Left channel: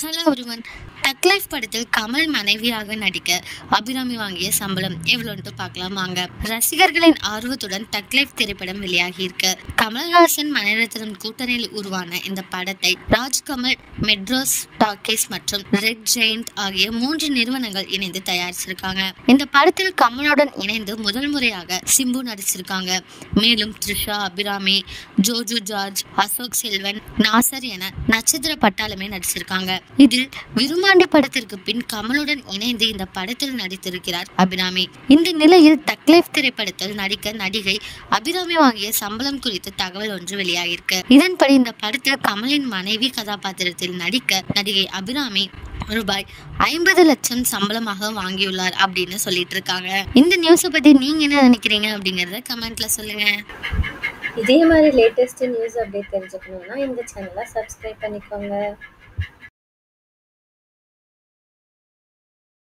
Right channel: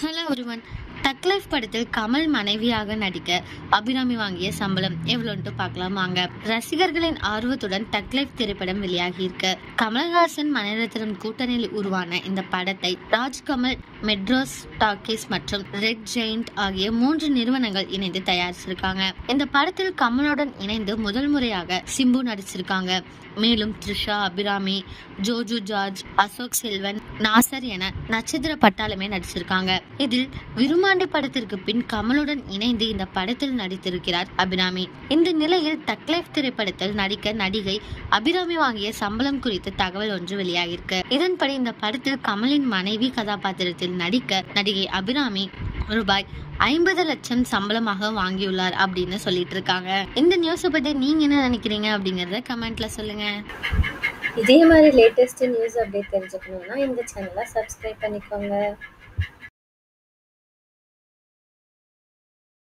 Hello ஒருவன். தக் life படத்தில் கமல் மனைவியாக நடிக்க அபிராமி வாங்கிய சம்பளம் எவ்வளோன்ட்டு பார்க்கலாம் வாங்க. ரசிகர்களின் ஆர்வத்துடன் தக் லைஃப் திரைப்படம் வெளியாகி இருக்கு. கமல்ஹாசன் மணிரத்னம் கூட்டணியில் உருவான இந்த படத்தை ராஜ்கமல், மெட்ராஸ் டாக்கீஸ் மற்றும் ரெட் ஜெயண்ட் ஆகிய 3 நிறுவனங்கள் இணைந்து தயாரிச்சிருக்காங்க. இந்த படத்தில் கமலுடன் இணைந்து முதல் முறையாக சிம்பு நடிச்சிருக்காங்க. மேலும் த்ரிஷா, அபிராமி, ஜோஜு ஜார்ஜ், அசோக் செல்வன், நாசர் என நட்சத்திர பட்டாளமே நடிச்சிருக்காங்க. இதில் விருமாண்டி படத்திற்கு பின் கமலுடன் இணைந்து இந்த படத்தில் நடித்திருக்கிறார் அபிராமி. இந்த நிலையில் தக் லைஃப் திரைப்படத்தில் நடிக்க நடிகை அபிராமி வாங்கிய சம்பளம் குறித்து தகவல் ஒன்று வெளியாகிருக்கு. இதன்படி இந்த படத்தில் கமலின் மனைவி கதாபாத்திரத்தில் நடிக்க நடிகை அபிராமி ரூபாய் 50 லட்சம் சம்பளமாக வாங்கியுள்ளார் அப்படின்னு சொல்லிட்டு இருக்காங்க. இந்த நியூஸை பத்தி நீங்க என்ன நினைக்கிறீங்க அப்படிங்கறத கமெண்ட்ல சொல்லுங்க. இதே மாதிரி லேட்டஸ்ட் நியூஸ் அப்டேட் தெரிஞ்சுக்கணும்னா இந்த சேனலை சப்ஸ்கிரைப் பண்ணிக்கோங்க.